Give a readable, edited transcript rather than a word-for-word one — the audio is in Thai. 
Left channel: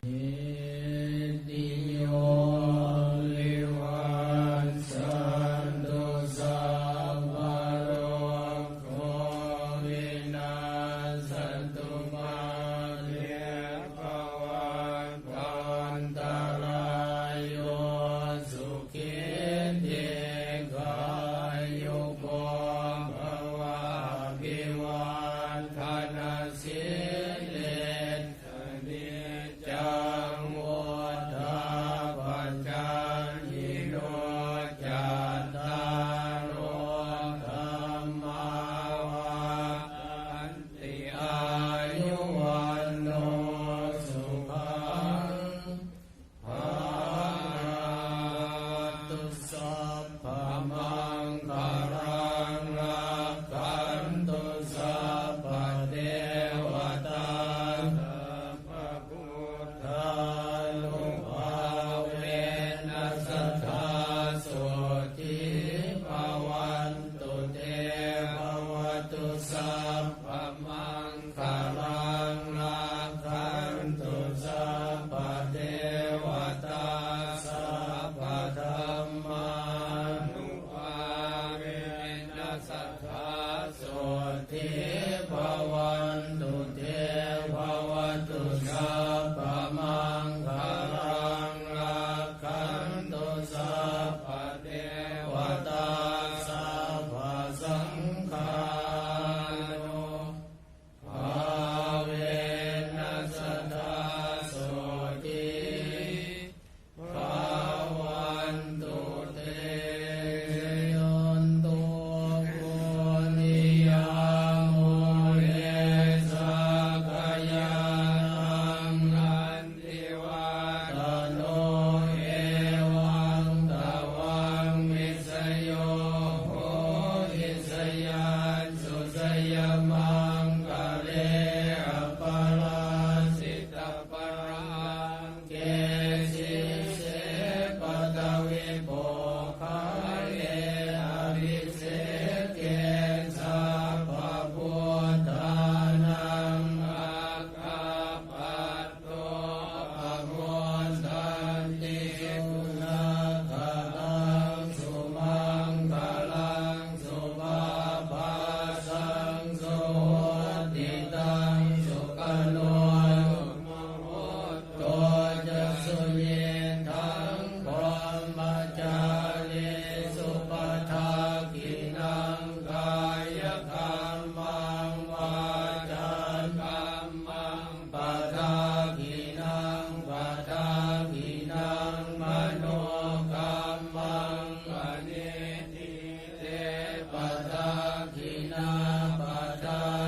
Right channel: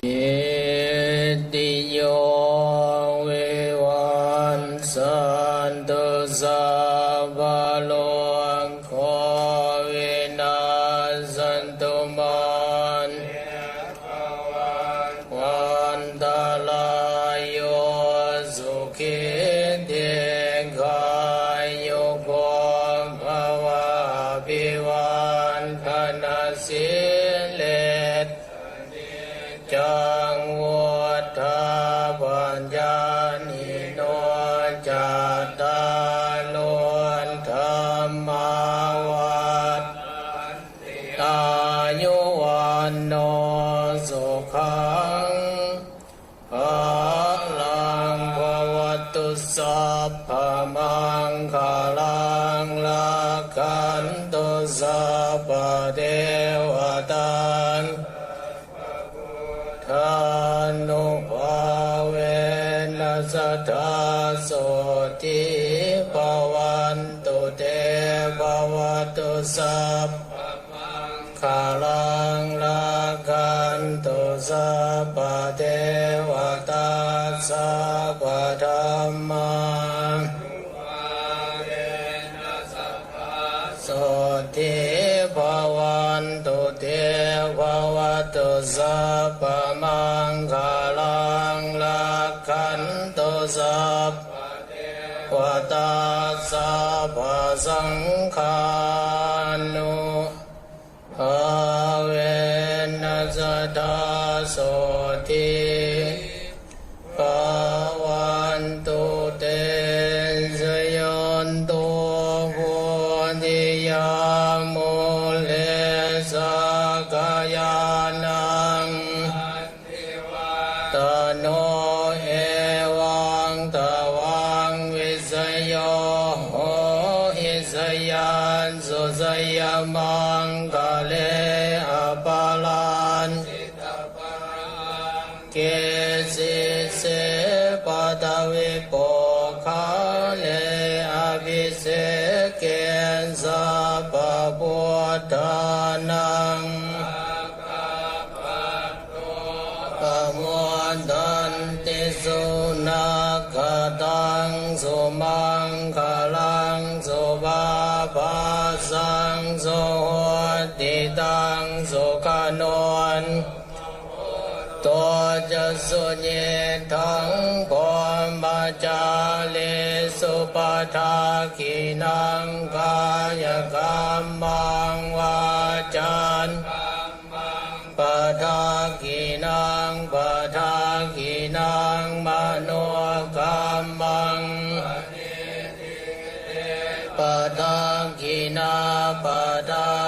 อิติโยวิวันสันตุสัพพะโลกโควินาศตุมันวันตรายโยสุขิติกายุโกภวะภิวันธนาสิเลสจังวุฒาปัญญานิโนจัตตาโลธรรมาวัฏอายุวันโนสุขังภะลังภวตุสัพพมังคลังลักขันตุสัพพะเทวตาทานุภาเวนัสสทธาโสติภวันตุเตภวตุสัพพมังคลังลักขันตุสัพพะเทวตาสัพพะธัมมังโสติภวันตุเตภวตุสัพพมังคลังลักขันตุสัพพะเทวตาสัพพะสังฆานุภาเวนัสสทธาโสติภวันตุเตสยันตุโพธิยามุเลสกายานังตโนเอวังตวังวิสโยโหอิสยันสุสยมังกะเลอปาลันเกสิเสปะตะวิโปคาเลอภิเสเกสัพพะพุทธานังปะโมทันติสุนัขขตังสุมังคลังสุภาภาสังสุโหติตังสุขโนนตัวจะสุญญทังปมาจาลิสุปทากินังกายกรรมังวาจานปทากินังปทากินังมโนกรรมังปทากินาปทา